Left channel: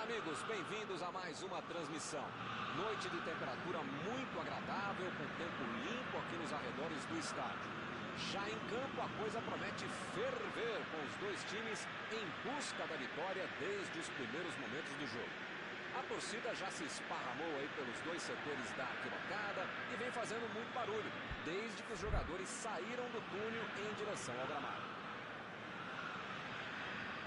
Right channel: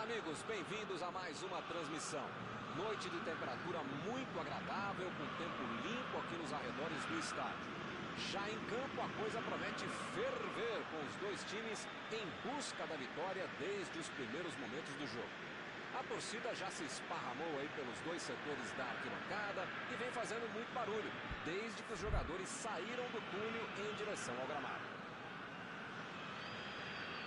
Olá, amigos, bem-vindos a mais uma transmissão. Noite de temperatura muito agradável, com tempo limpo aqui nos arredores do estádio. Já em campo, a coisa promete ferver, com os dois times em busca da vitória desde os primeiros momentos do jogo. A torcida já se esparramou aí pelos dois setores da arquibancada e vem fazendo muito barulho, desde que os jogadores saíram do túnel em direção ao gramado.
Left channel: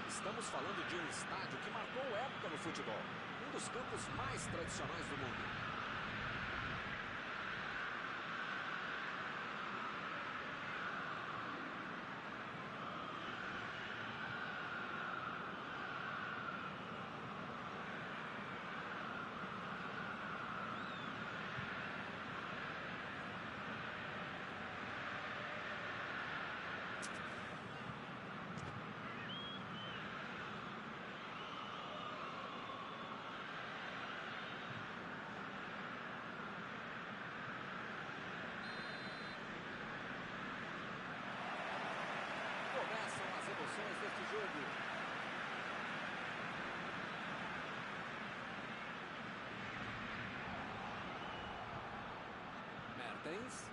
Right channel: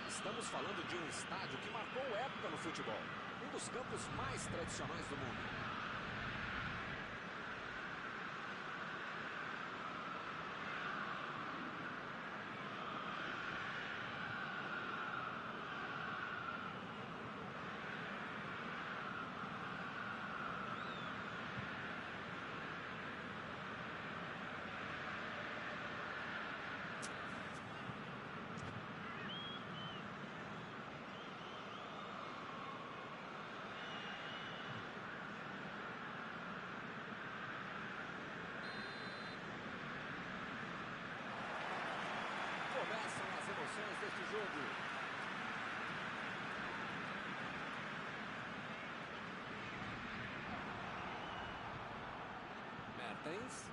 Estamos falando de um estádio que marcou época no futebol, um dos campos mais tradicionais do mundo. Começam as emoções deste jogo. Mertens.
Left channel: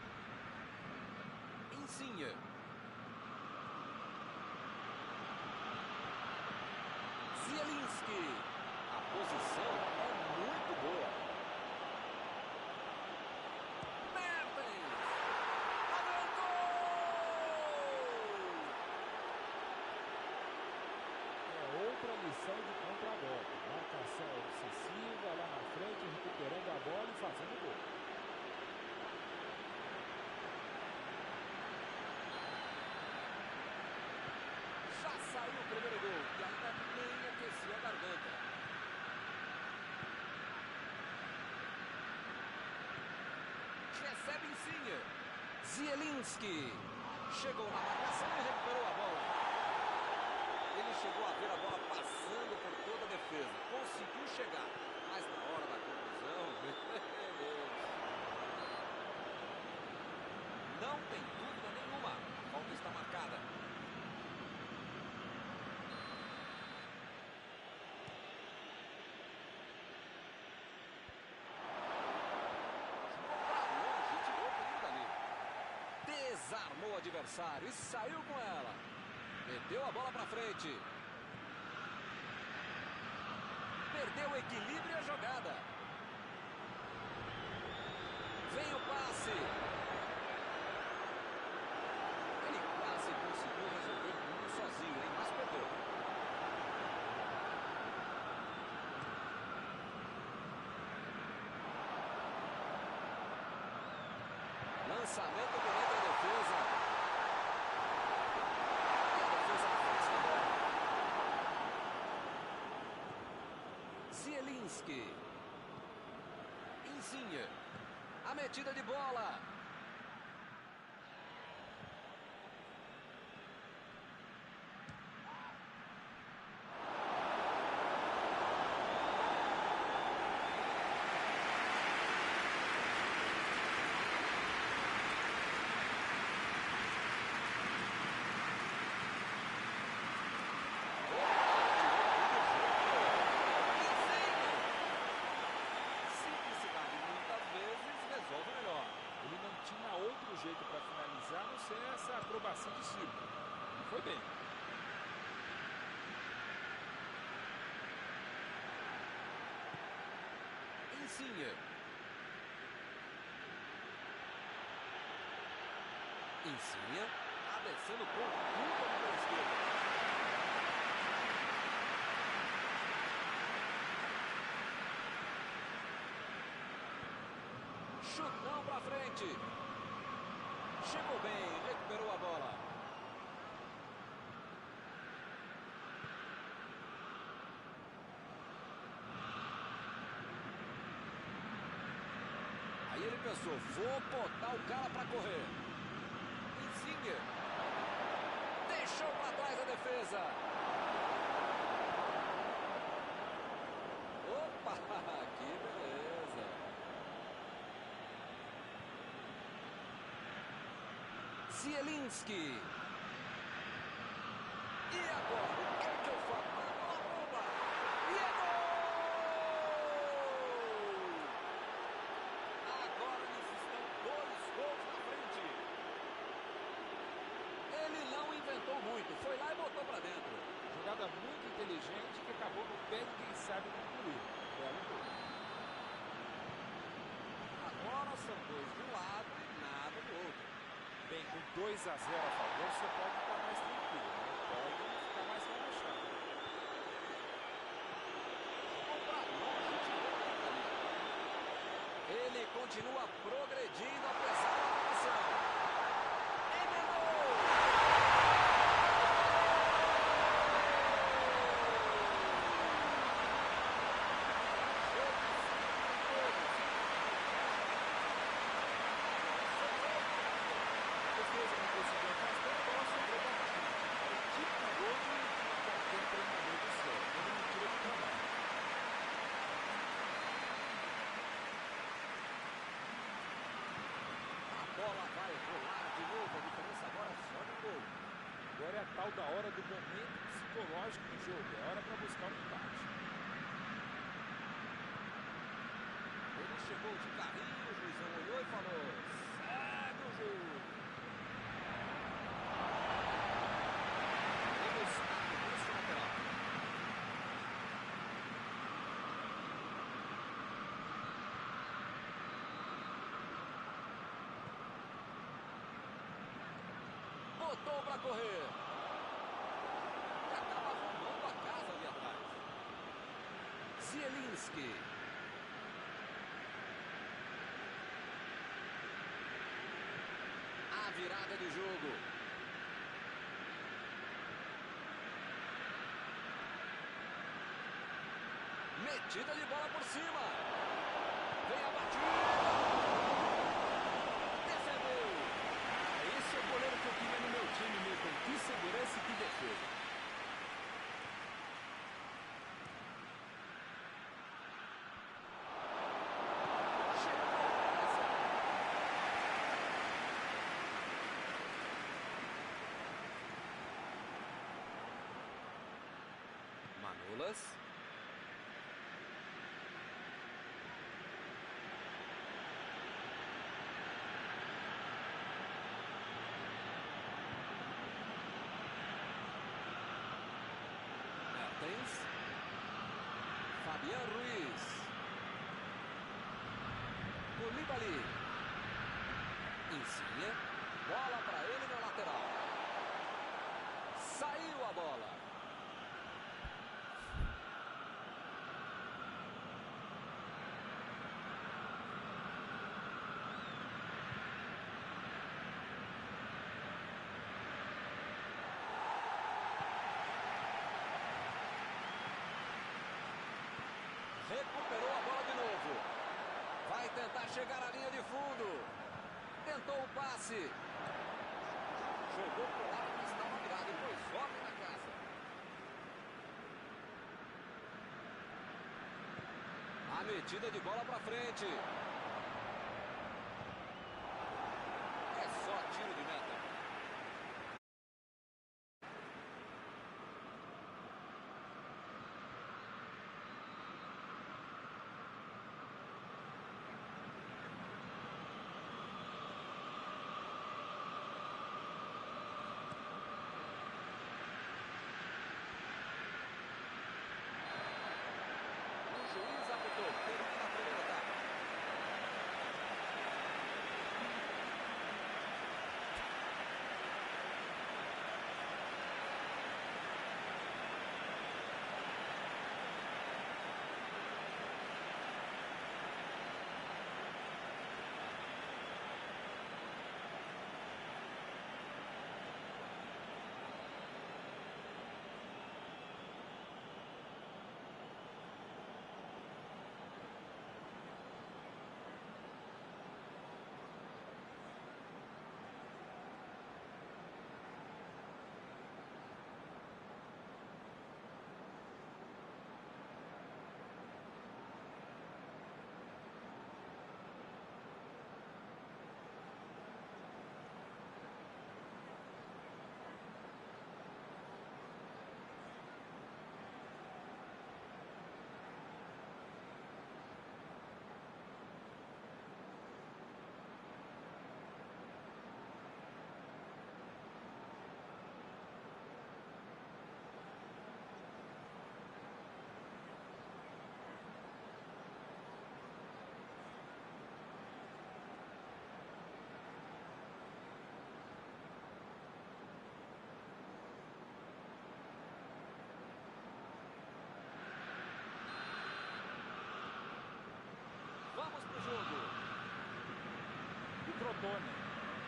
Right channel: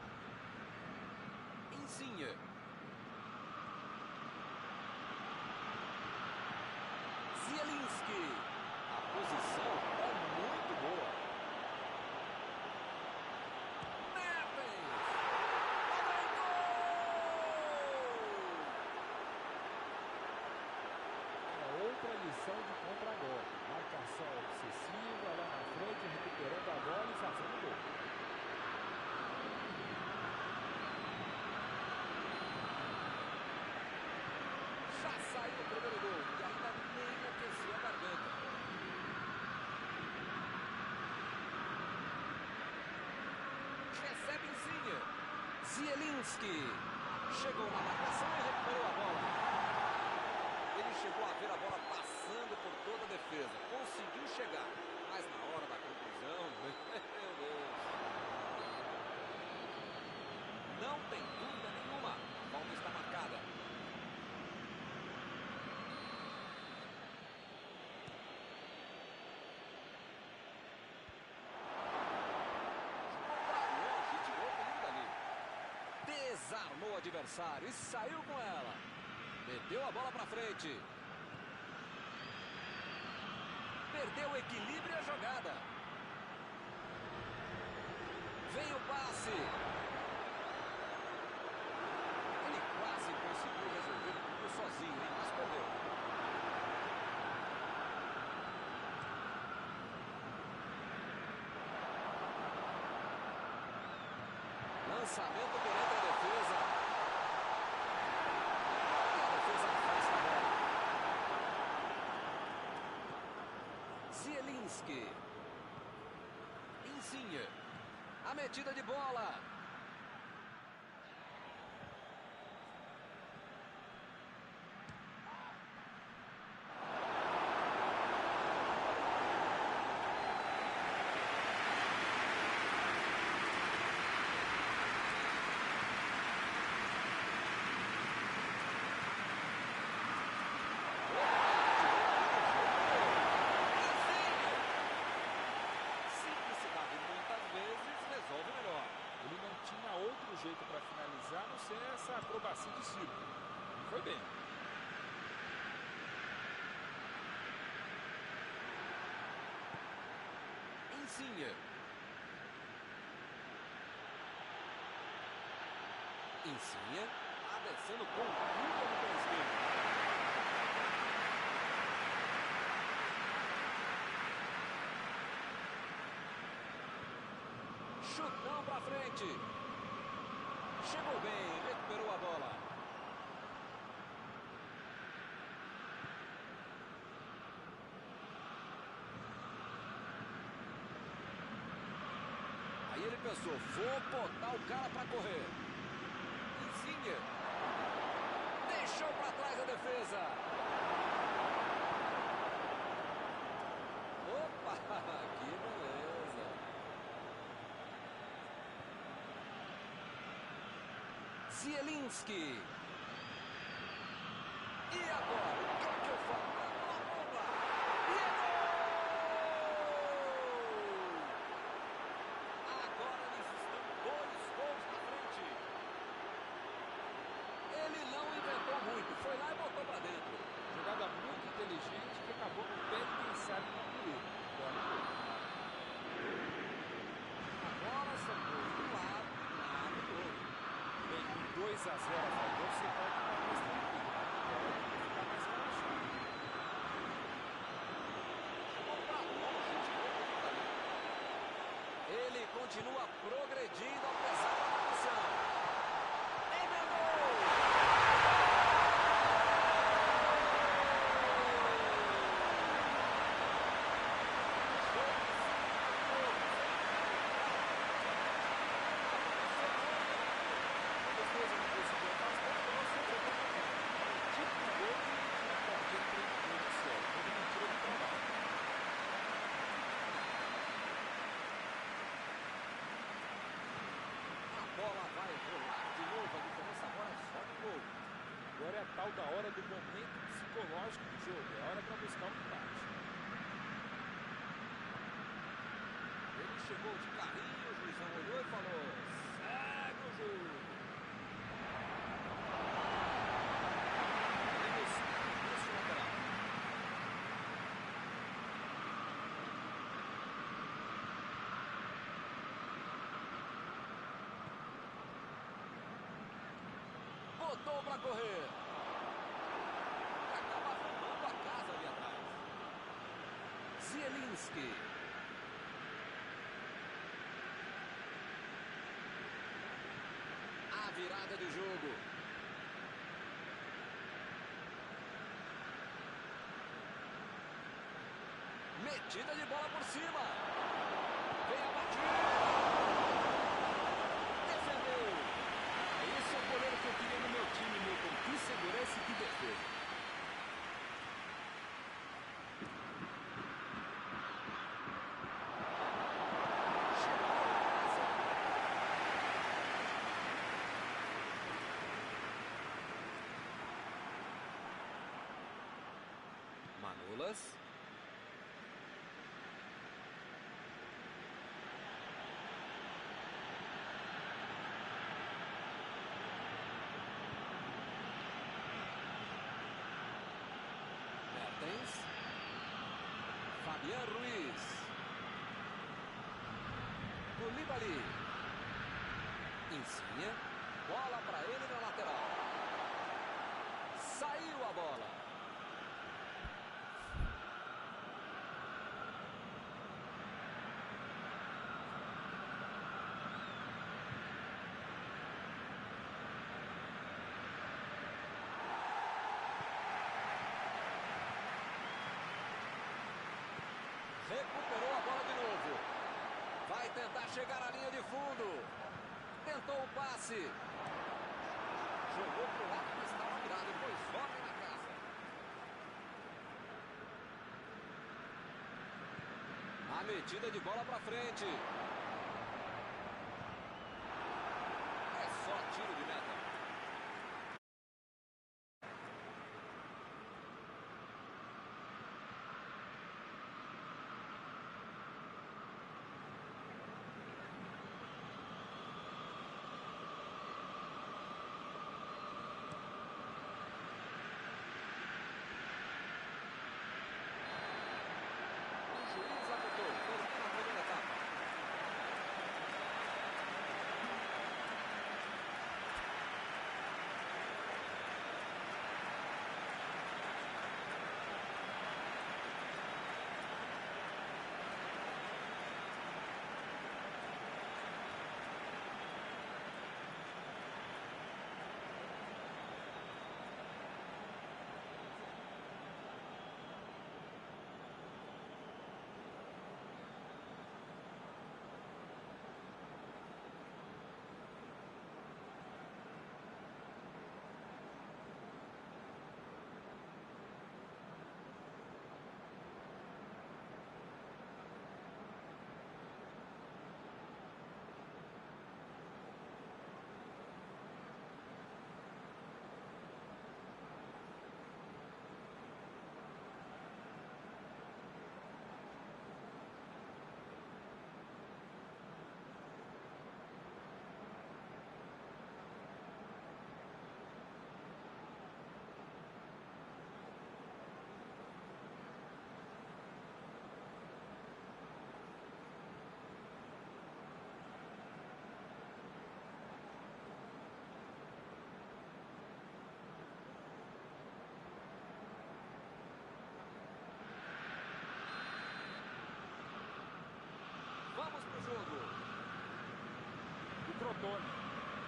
Insigne. Zielinski. A posição é muito boa. Outra lição de contra-golpe. Marcação obsessiva lá na frente, recuperando a bola e fazendo gol. Já saiu o primeiro gol e ainda nem aqueceu a garganta. Recebe Insigne. Zielinski. Chegou na marcação e recuperou a bola. Ele chegou a ver a bola passando por toda a defesa. Conseguiu chegar, mas na hora da conclusão, meu Deus. Não tem dúvida nenhuma. A falta está marcada. Jogou para longe e tirou o perigo dali. Desarmou o adversário e saiu com ela. Meteu a bola para frente. Perdeu o equilíbrio e a jogada. Vem o passe. Ele quase conseguiu resolver tudo sozinho, hein? Mas perdeu. Lançamento penetra a defesa. Zielinski. Insigne. A metida de bola. Resolve melhor. Ele não tinha outro jeito para finalizar, a não ser essa acrobacia de circo. E foi bem. Insigne. Insigne. Descendo com tudo ali pela esquerda. Chutão pra frente. Chegou bem, recuperou a bola. Aí ele pensou, vou botar o cara pra correr. Insigne. Deixou pra trás a defesa. Opa, que beleza. Zielinski. E agora, o que é que eu faço? Mandou a bomba. E é gol! hesitou muito, foi lá e botou para dentro. Jogada muito inteligente que acabou no pé de quem sabe concluir. Belo gol. Agora são dois de um lado e nada do outro. Bem, com 2 a 0 a favor, você pode ficar mais tranquilo, mas não pode ficar mais relaxado. Jogou para longe, tirou bem dali. Ele continua progredindo apesar da marcação. Emendou! Conseguiu afastar, a bola sobrou para a frente. É o tipo de gol que tira qualquer treinador do céu. Todo mundo tira do trabalho. A bola vai rolar de novo. A diferença agora é só de um gol. Agora é a tal da hora do momento psicológico do jogo. É hora para buscar um empate. Ele chegou de carrinho, o juizão olhou e falou: segue o jogo. Temos arremesso lateral. Botou para correr. E acaba arrumando a casa ali atrás. Zielinski. A virada de jogo. Metida de bola por cima. Vem a batida. Defendeu. Ah, esse é o goleiro que eu queria no meu time, Milton. Que segurança e que defesa. Chegou essa. Manolas. Mertens. Fabián Ruiz. Koulibaly. Insigne. Bola para ele na lateral. Saiu a bola. Recuperou a bola de novo. Vai tentar chegar à linha de fundo. Tentou o passe. Jogou para o lado que estava virado. E pôs ordem na casa. A metida de bola para frente. É só tiro de meta. O juiz apitou. Termina a primeira etapa. Crotone.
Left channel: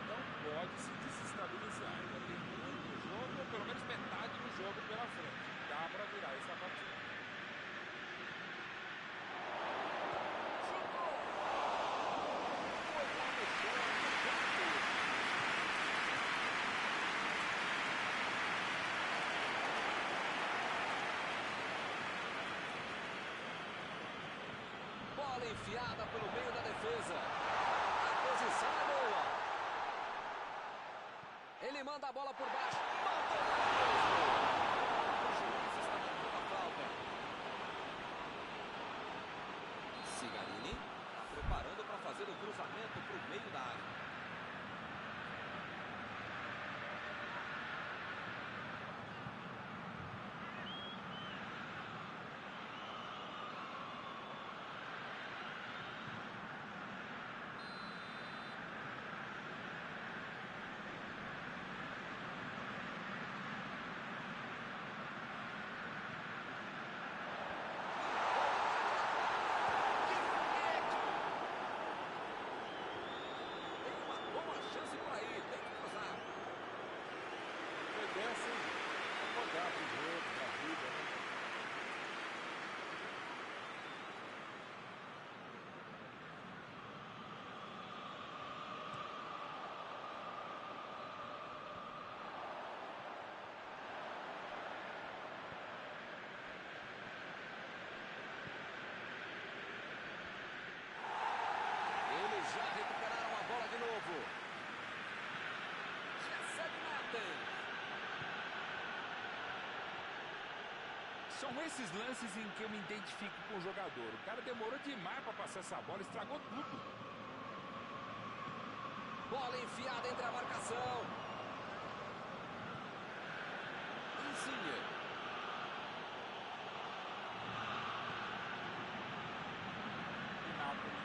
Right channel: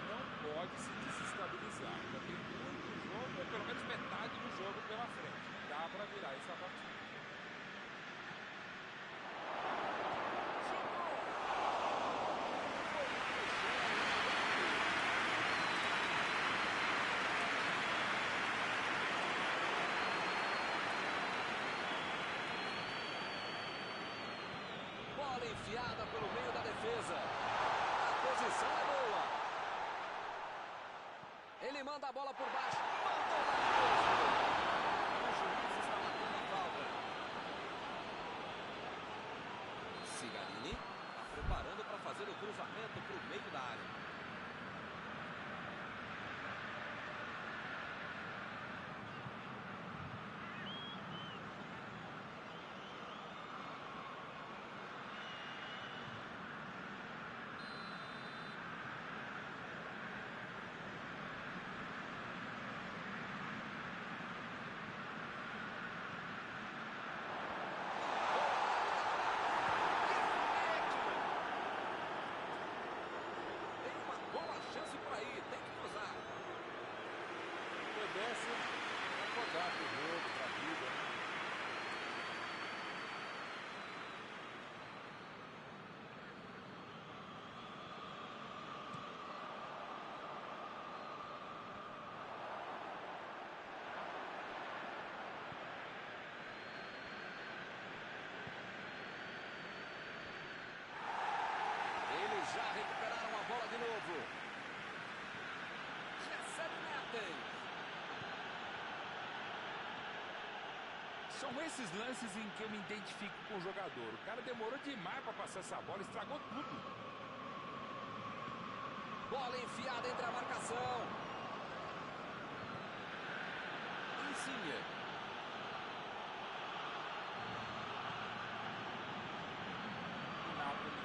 Não pode se desestabilizar. Ainda tem muito jogo, ou pelo menos metade do jogo pela frente. Dá para virar essa partida. Chutou! Foi lá no chão, no canto. Bola enfiada pelo meio da defesa. A posição é boa. Ele manda a bola por baixo. Mandou lá mesmo. O juiz está marcando a falta. Cigarini está preparando para fazer o cruzamento para o meio da área. Chance por aí, tem que cruzar. Depois dessa, acordar pro jogo, pra vida, né? Eles já recuperaram a bola de novo. Recebe Mertens. São esses lances em que eu me identifico com o jogador. O cara demorou demais para passar essa bola, estragou tudo. Bola enfiada entre a marcação. Insigne. O Napoli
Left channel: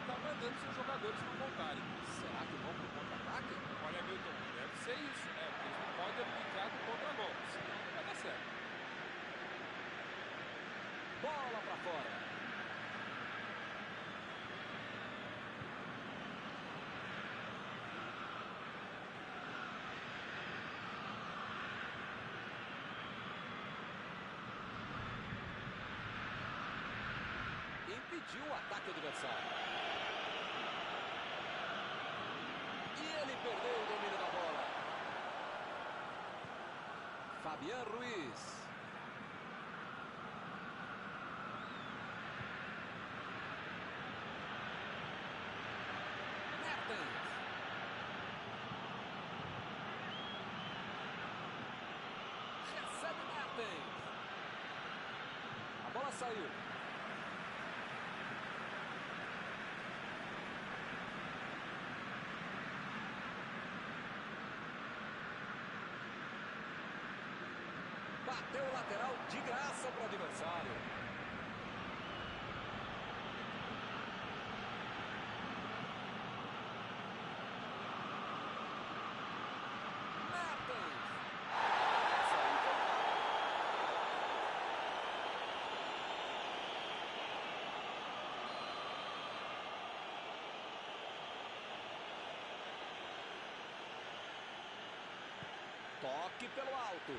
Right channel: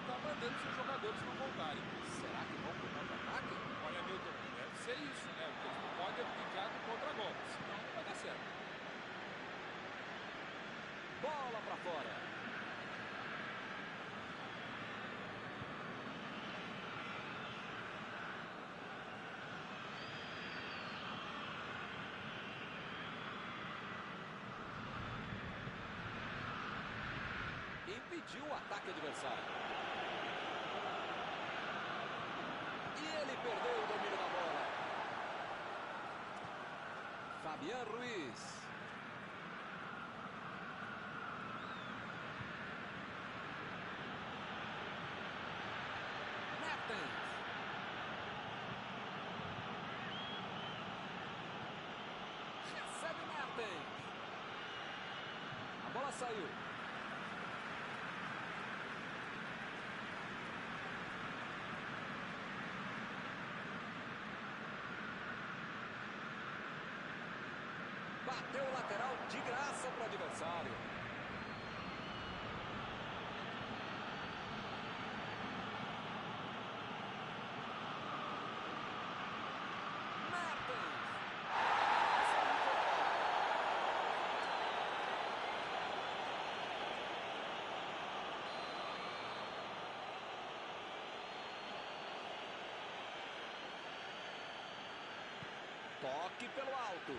está mandando seus jogadores não voltarem. Será que vão para o contra-ataque? Olha, Milton, deve ser isso, né? Porque eles não podem abdicar do contra-golpe, senão não vai dar certo. Bola para fora. Impediu o ataque adversário. E ele perdeu o domínio da bola. Fabián Ruiz. Mertens. Recebe Mertens. A bola saiu. Bateu o lateral de graça para o adversário. Mertens. Essa aí foi falta. Toque pelo alto.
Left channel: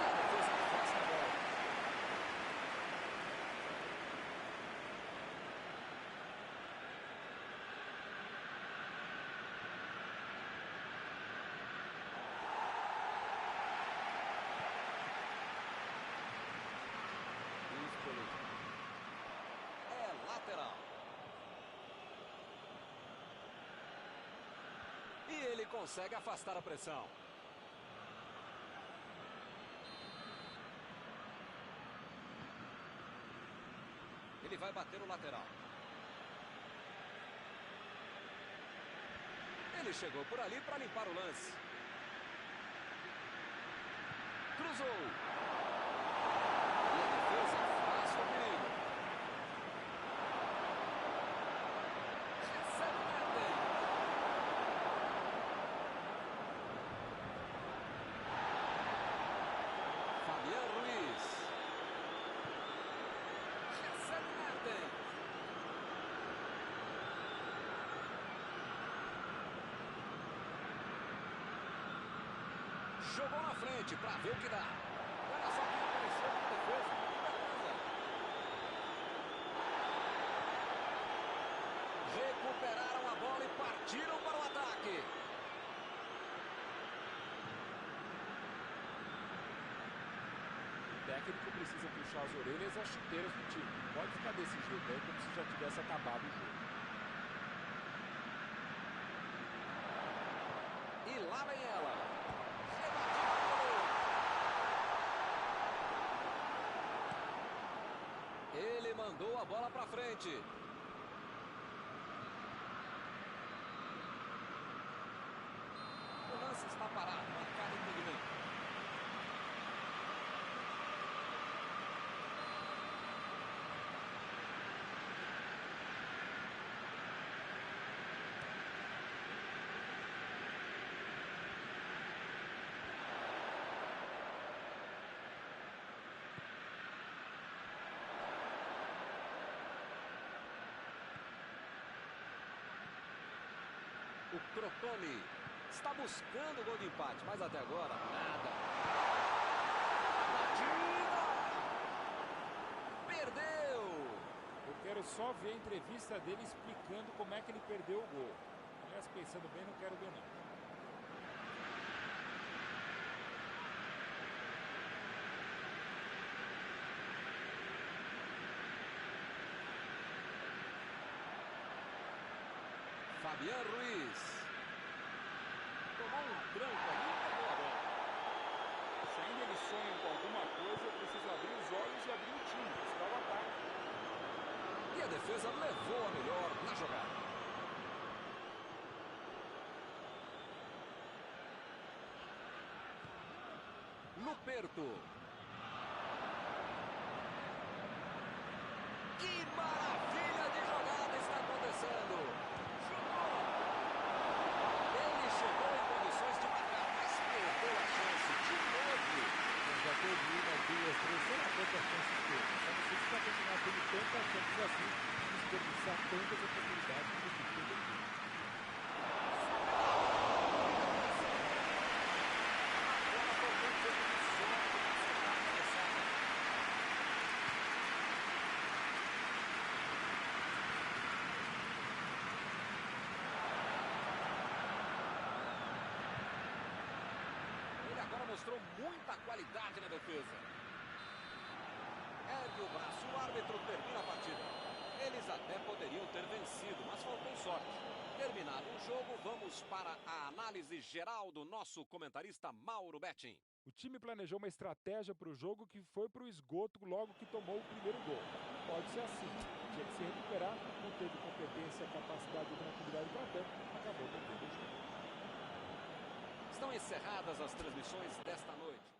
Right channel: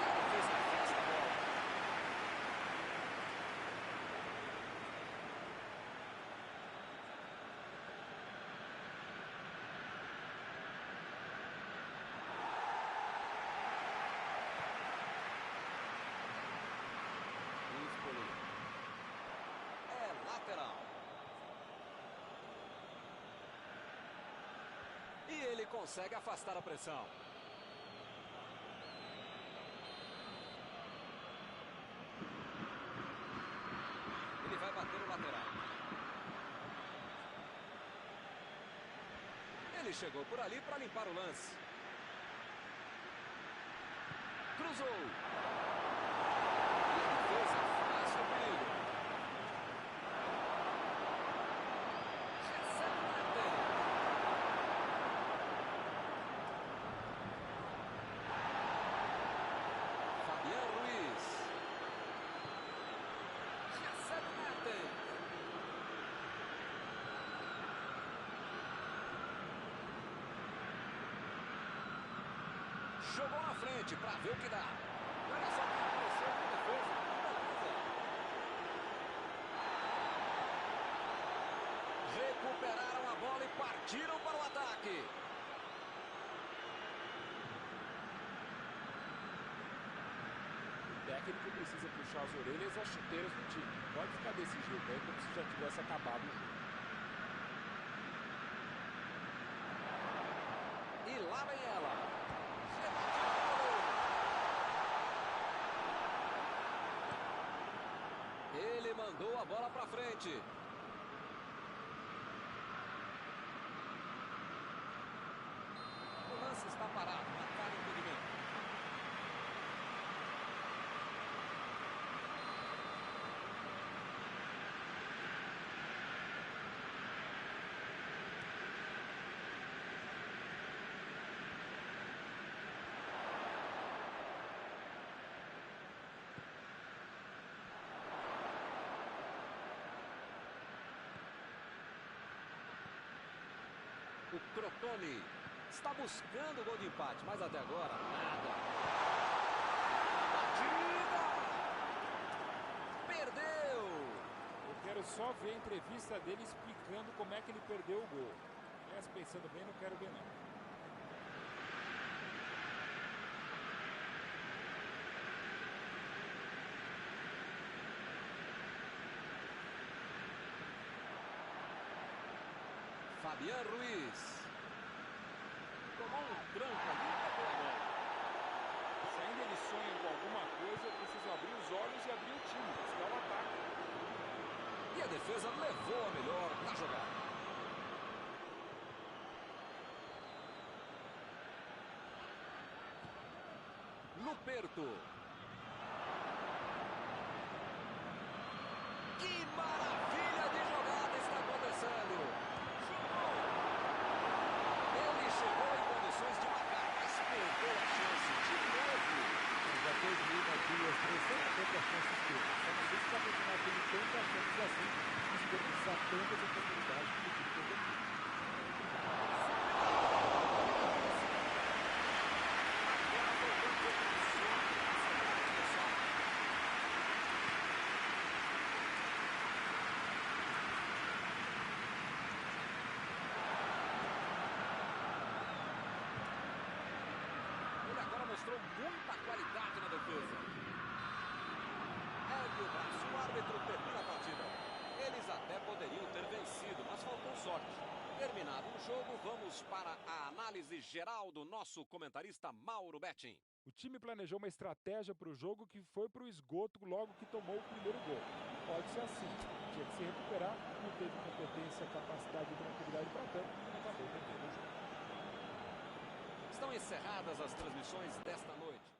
E a defesa afasta a bola. Empoli. É lateral. E ele consegue afastar a pressão. Ele vai bater o lateral. Ele chegou por ali para limpar o lance. Cruzou. E a defesa afasta o perigo. Recebe Mertens. Fabián Ruiz. Recebe Mertens. Jogou na frente para ver o que dá. E olha só quem apareceu na defesa. Que beleza. Recuperaram a bola e partiram para o ataque. O técnico precisa puxar as orelhas e as chuteiras do time. Não pode ficar desse jeito aí como se já tivesse acabado o jogo. E lá vem ela. Ele mandou a bola para frente. O lance está parado, marcado impedimento. O Crotone está buscando o gol de empate, mas até agora, nada. A batida! Perdeu! Eu quero só ver a entrevista dele explicando como é que ele perdeu o gol. Aliás, pensando bem, não quero ver não. Fabián Ruiz. Tomou um tranco ali e pegou a bola. Se ainda eles sonham com alguma coisa, eu preciso abrir os olhos e abrir o time, buscar o ataque. E a defesa levou a melhor na jogada. Luperto. Que maravilha de jogada está acontecendo. Chutou. Ele chegou em condições de marcar, mas perdeu a chance de novo. Já teve uma, duas, três, sei lá quantas chances teve. Só não sei se vai continuar tendo tantas chances assim, desperdiçar tantas oportunidades que o time tem aqui. Agora faltou um pouco de sorte para acertar a cabeçada. Ele agora mostrou muita qualidade na defesa. Ergue o braço, o árbitro termina a partida. Eles até poderiam ter vencido, mas faltou sorte. Terminado o jogo, vamos para a análise geral do nosso comentarista Mauro Betting. O time planejou uma estratégia para o jogo que foi para o esgoto logo que tomou o primeiro gol. Não pode ser assim. Tinha que se recuperar, não teve competência, capacidade e tranquilidade para tanto, acabou perdendo o jogo. Estão encerradas as transmissões desta noite.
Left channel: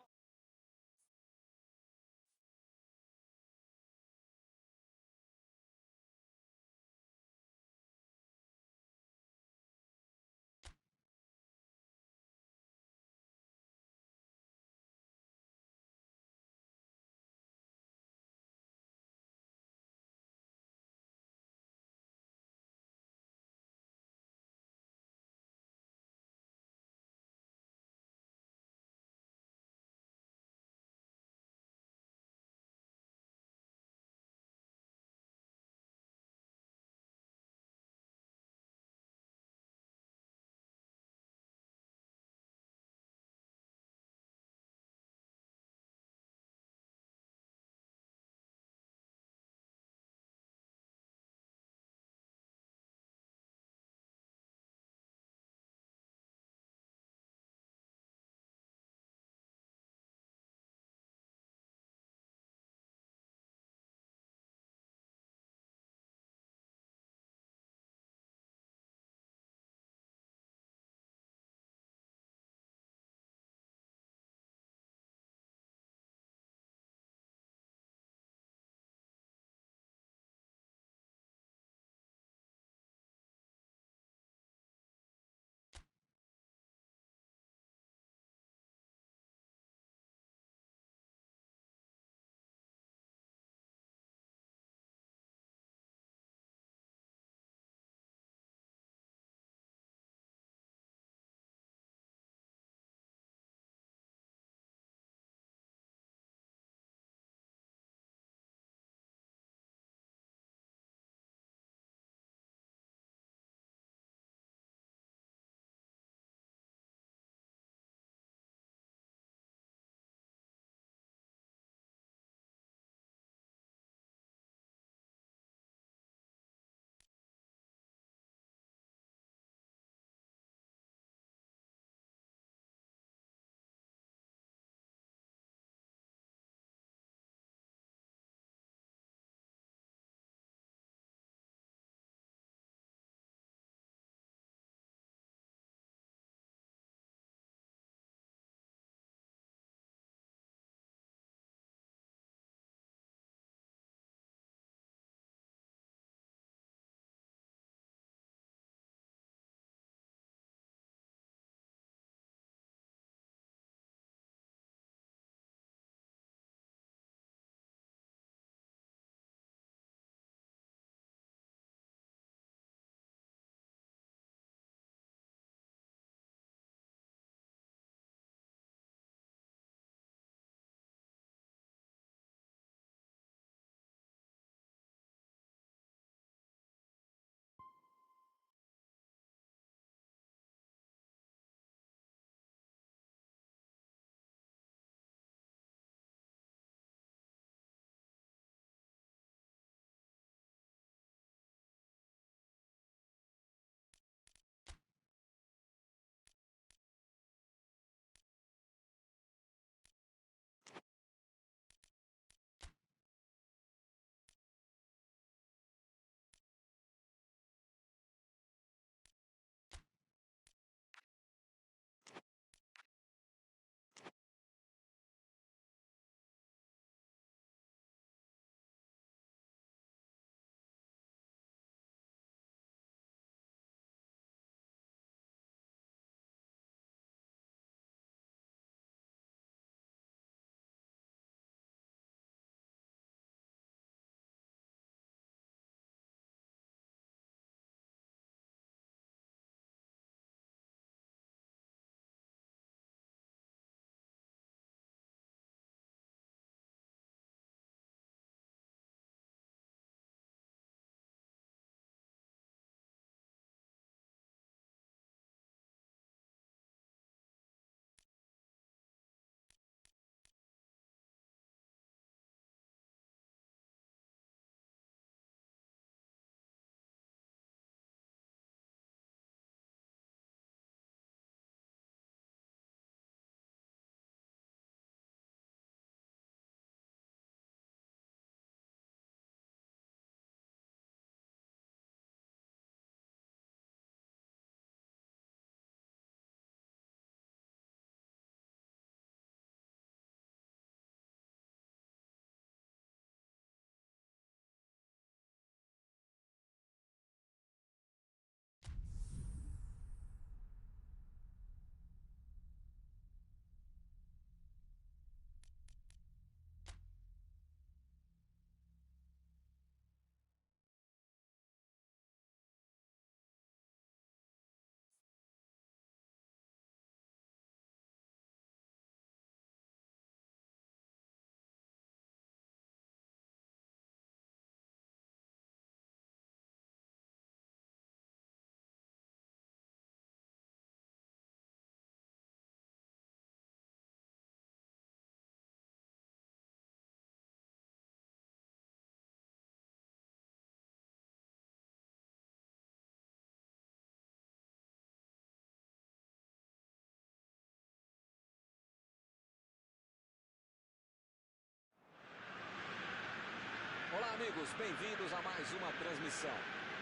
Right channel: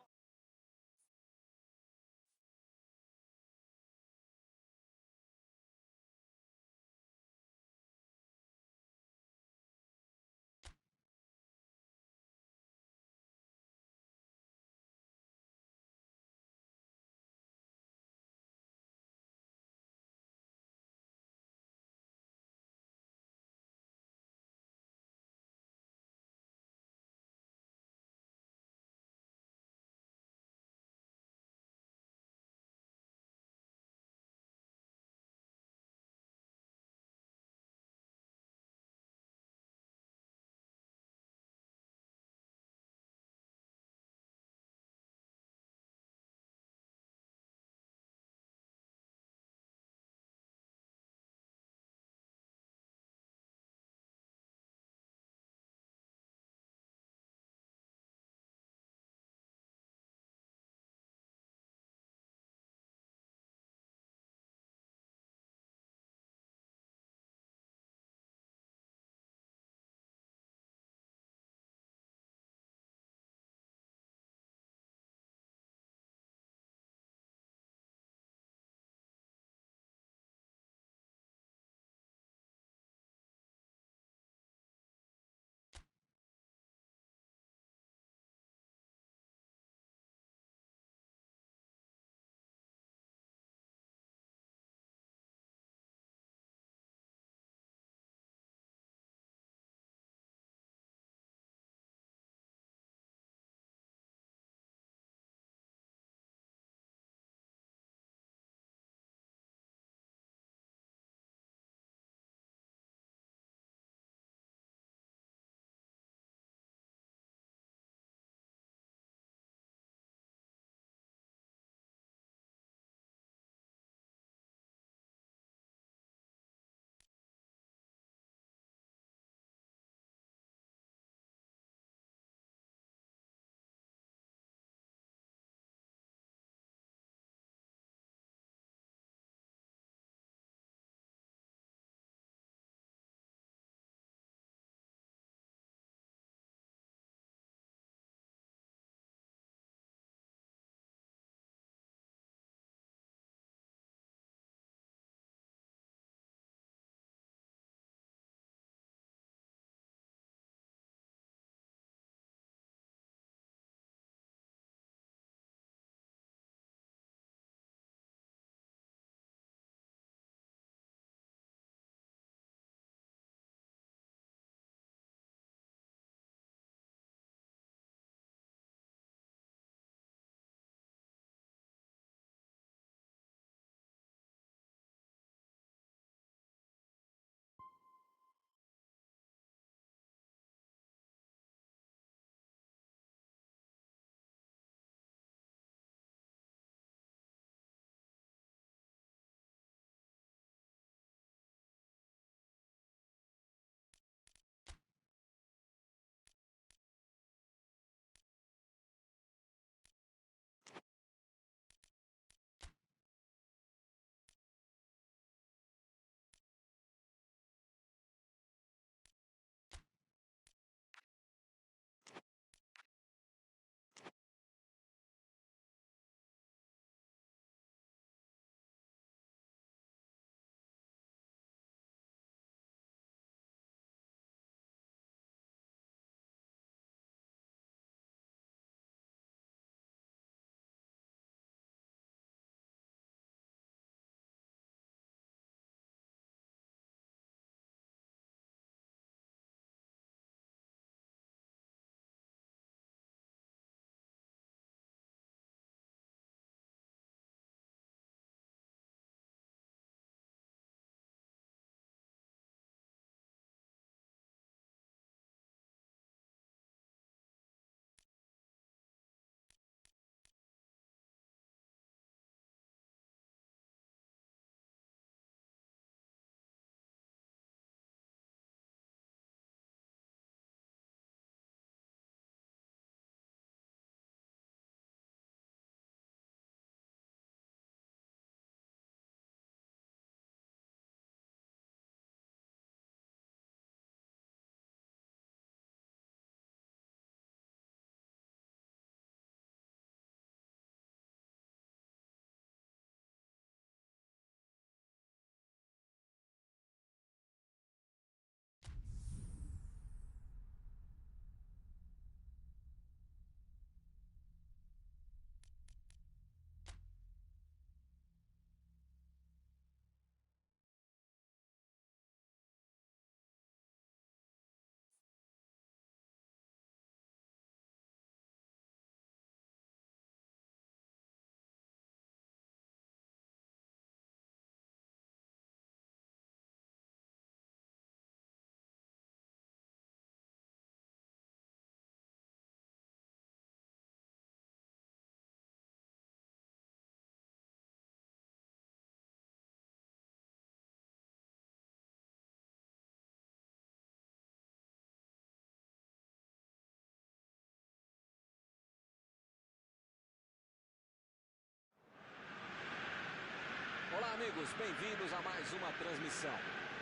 amigos, bem-vindos a mais uma transmissão.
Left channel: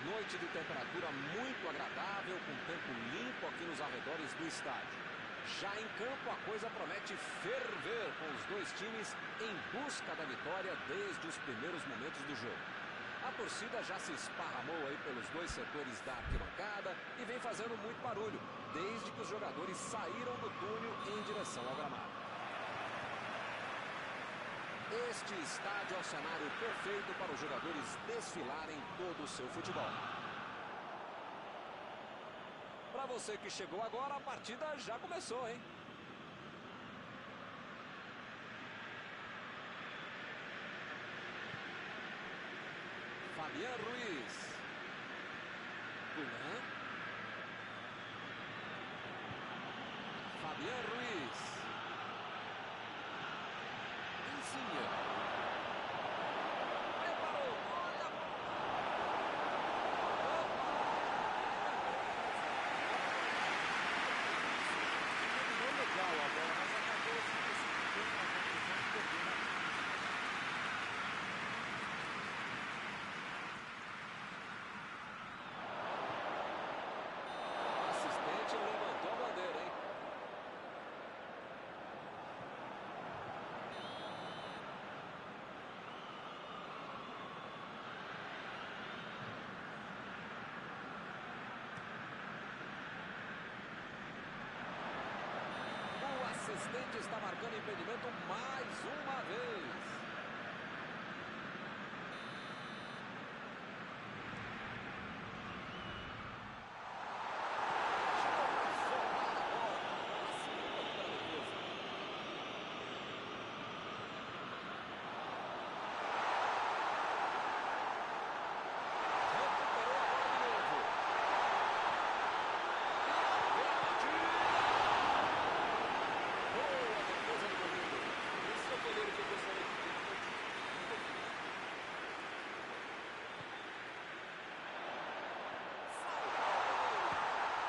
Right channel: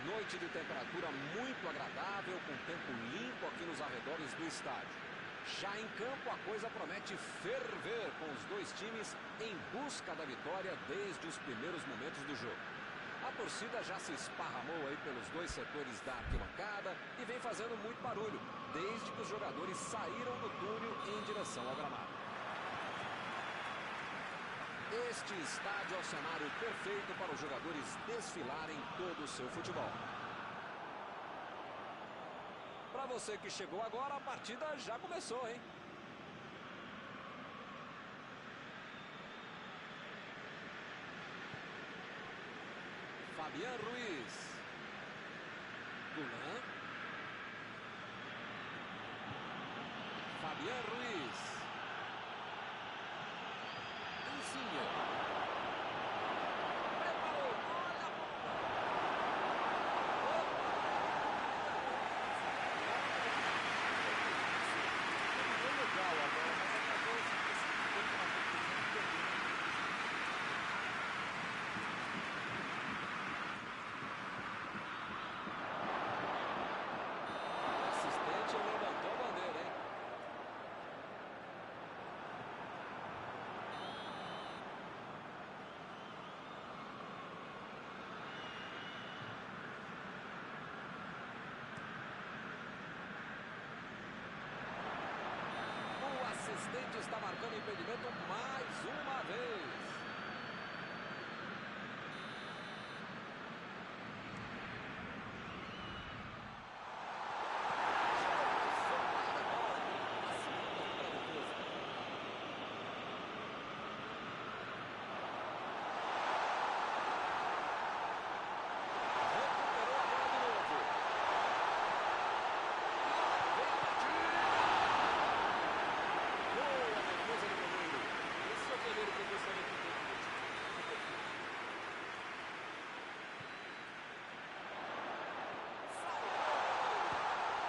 Noite de temperatura muito agradável, com tempo limpo aqui nos arredores do estádio. Já em campo, a coisa promete ferver, com os dois times em busca da vitória desde os primeiros momentos do jogo. A torcida já se esparramou aí pelos dois setores da arquibancada e vem fazendo muito barulho, desde que os jogadores saíram do túnel em direção ao gramado. Este estádio é o cenário perfeito para os jogadores desfilarem todo o seu futebol. Para você que chegou agora, a partida já começou, hein? Fabián Ruiz. Gulan. Fabián Ruiz. Insigne. Preparou. Olha a bola. Opa! Terminou legal a bola, mas acabou se precipitando na conclusão e perdendo a bola. O assistente levantou a bandeira, hein? O assistente está marcando impedimento mais uma vez. Chegou para isolar a bola, vacilando ali pela defesa. Recuperou a bola de novo. E lá vem a batida. Boa defesa do goleiro. Esse é o goleiro que eu gostaria de ter no meu time. Muito difícil. Salvou o goleiro.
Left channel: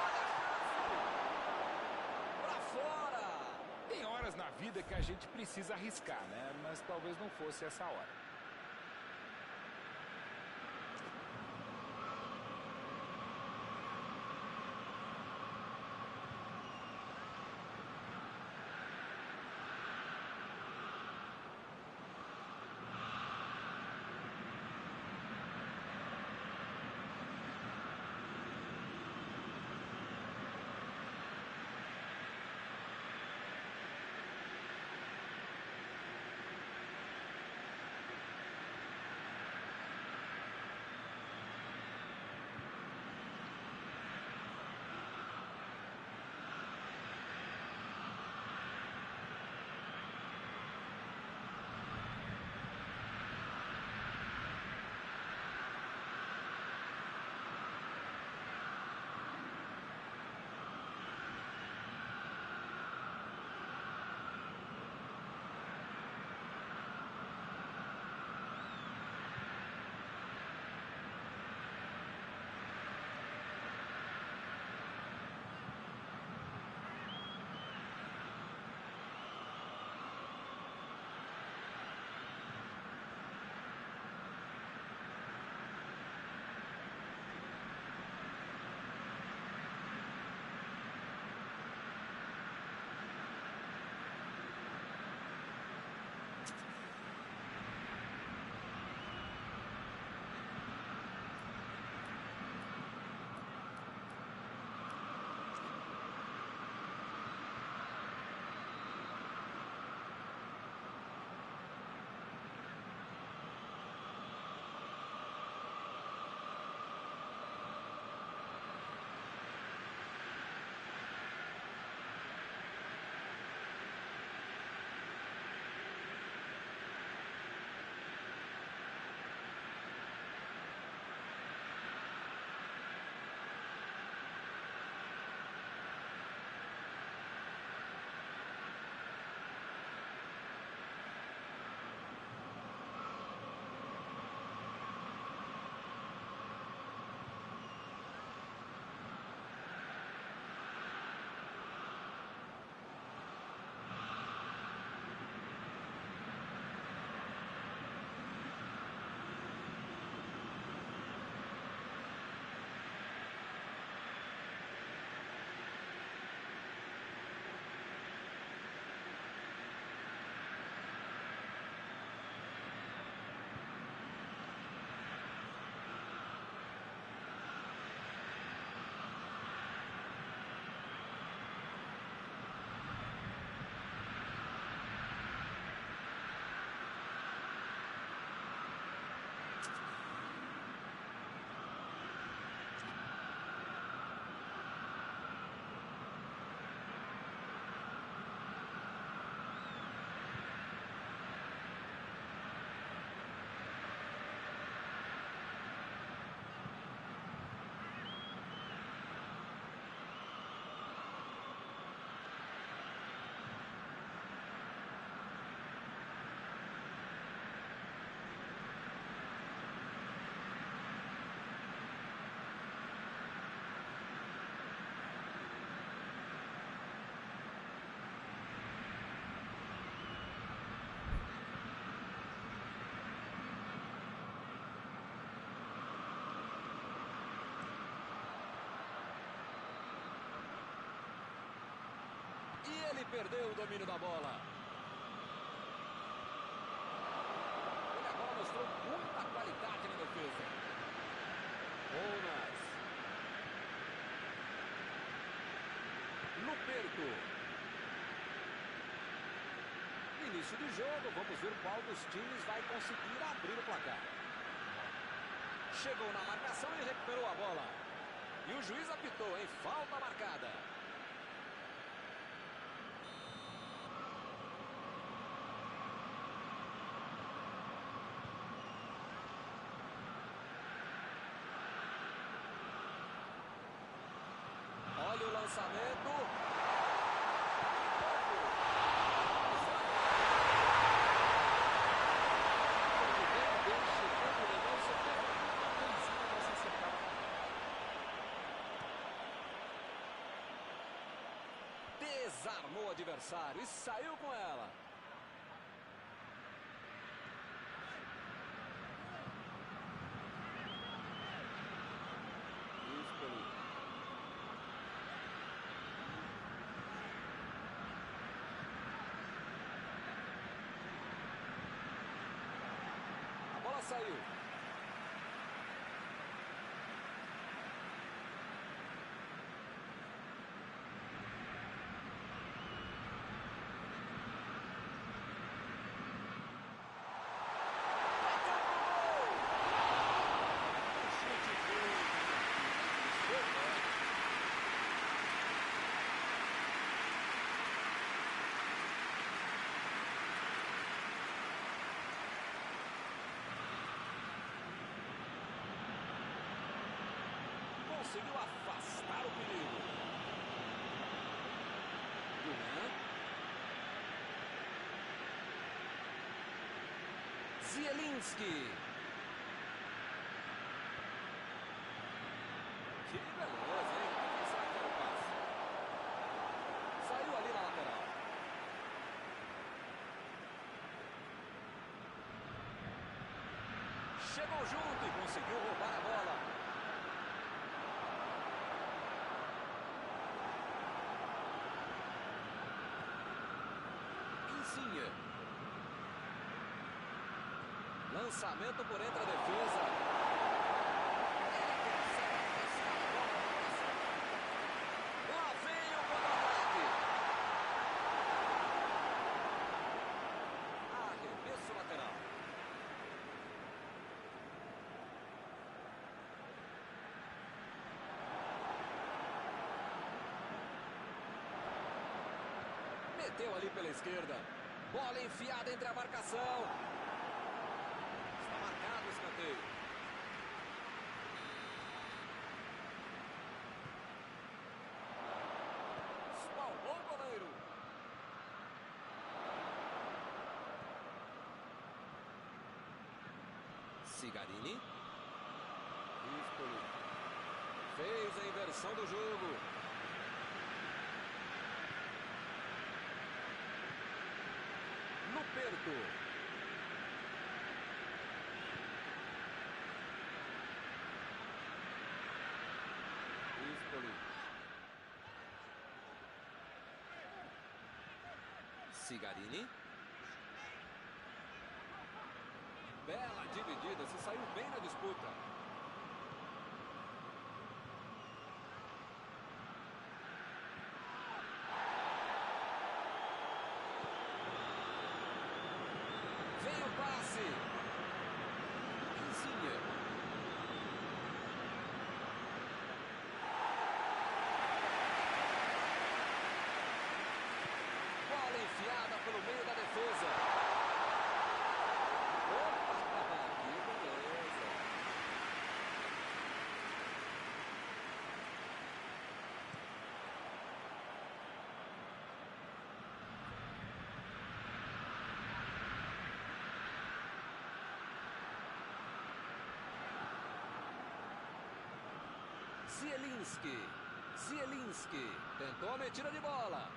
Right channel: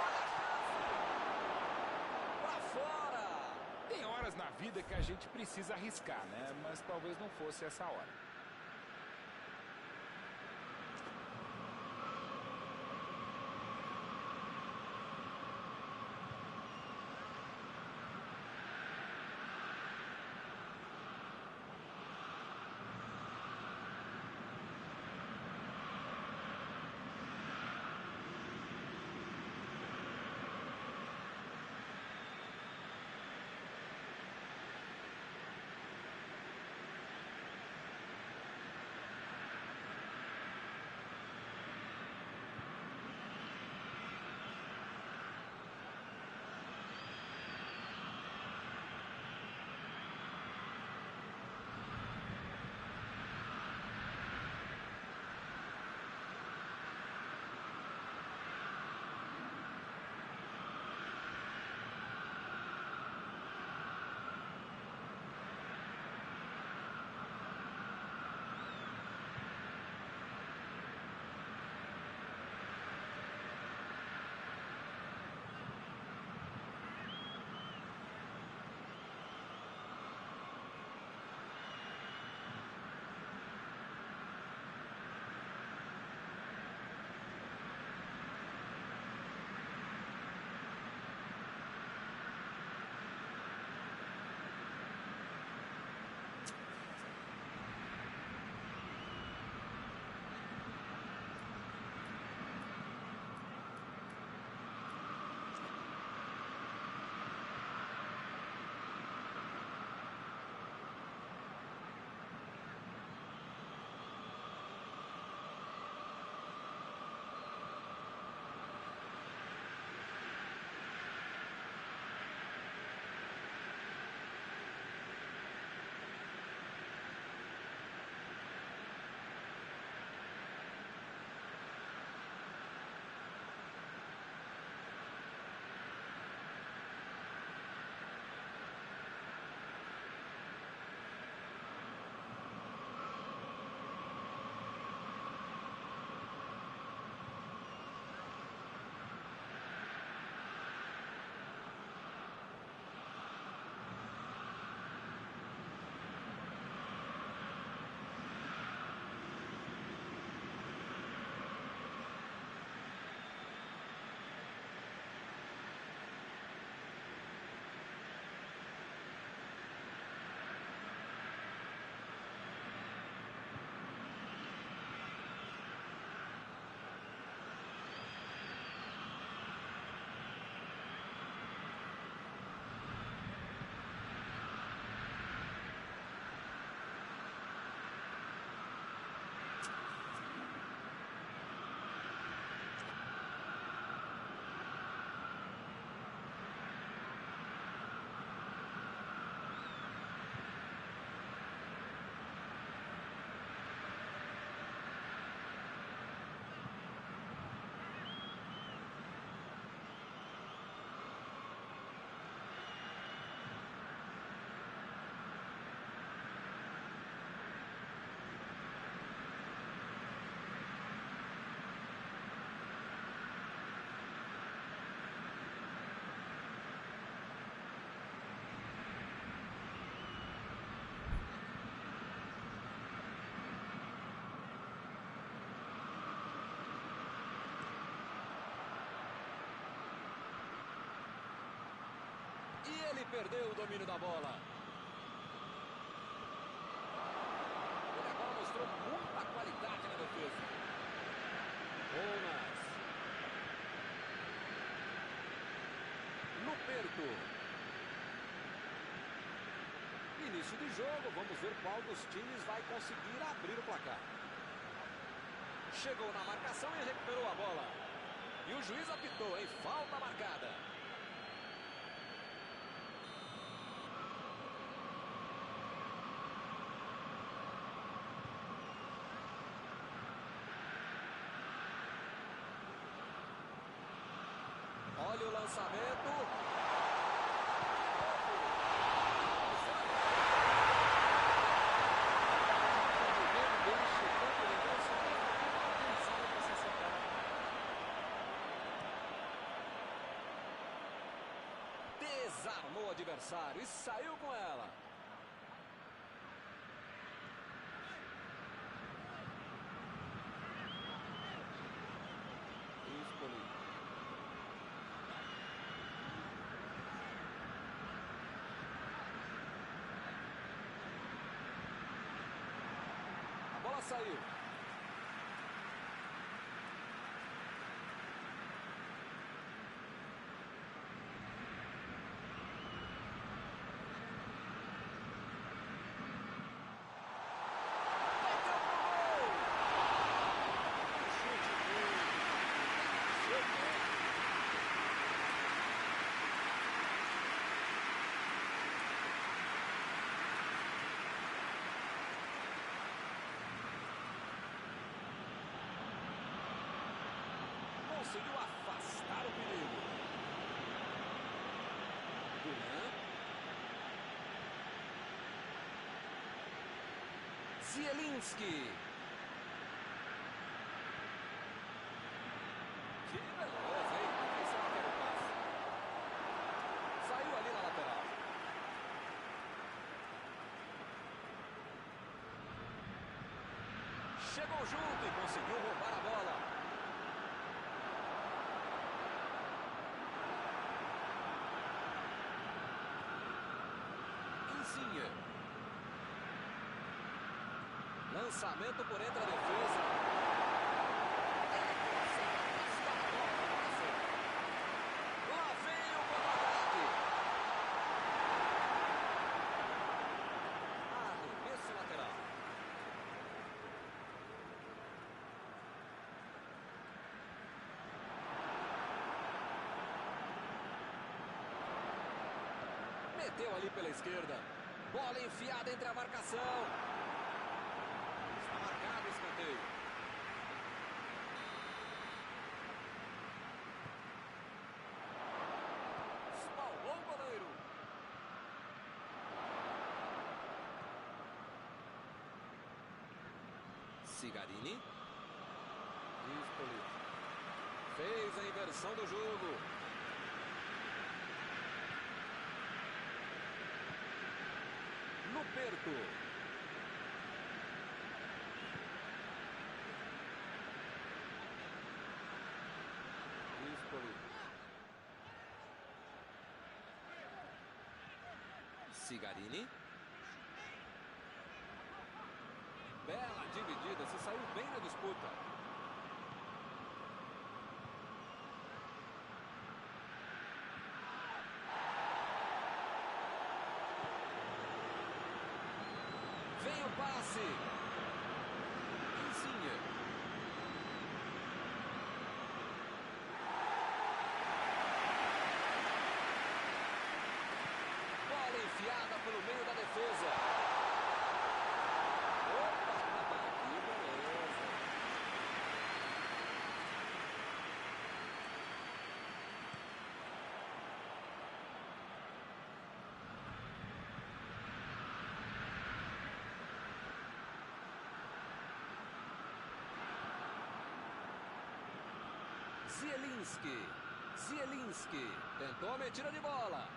Olha a chance. Pra fora. Tem horas na vida que a gente precisa arriscar, né? Mas talvez não fosse essa hora. E ele perdeu o domínio da bola. Ele agora mostrou muita qualidade na defesa. Bonas. Luperto. Início de jogo, vamos ver qual dos times vai conseguir abrir o placar. Chegou na marcação e recuperou a bola. E o juiz apitou, em falta marcada. Olha o lançamento. Desarmou o adversário e saiu com ela. Espoli. A bola saiu. Conseguiu afastar o perigo. Gulan. Zielinski. Que beleza, hein? Quem será que era o passe? Saiu ali na lateral. Chegou junto e conseguiu roubar a bola. Lançamento por entre a defesa. Ele consegue afastar a bola no coração. Lá vem o contra-ataque. Arremesso lateral. Meteu ali pela esquerda. Bola enfiada entre a marcação. Está marcado o escanteio. Espalmou o goleiro. Cigarini. Espoli. Fez a inversão do jogo. Luperto. Espoli. Cigarini. Bela dividida, se saiu bem na disputa. Vem o passe. Insigne. Bola enfiada pelo meio da defesa. Opa, que beleza. Zielinski. Tentou a metida de bola.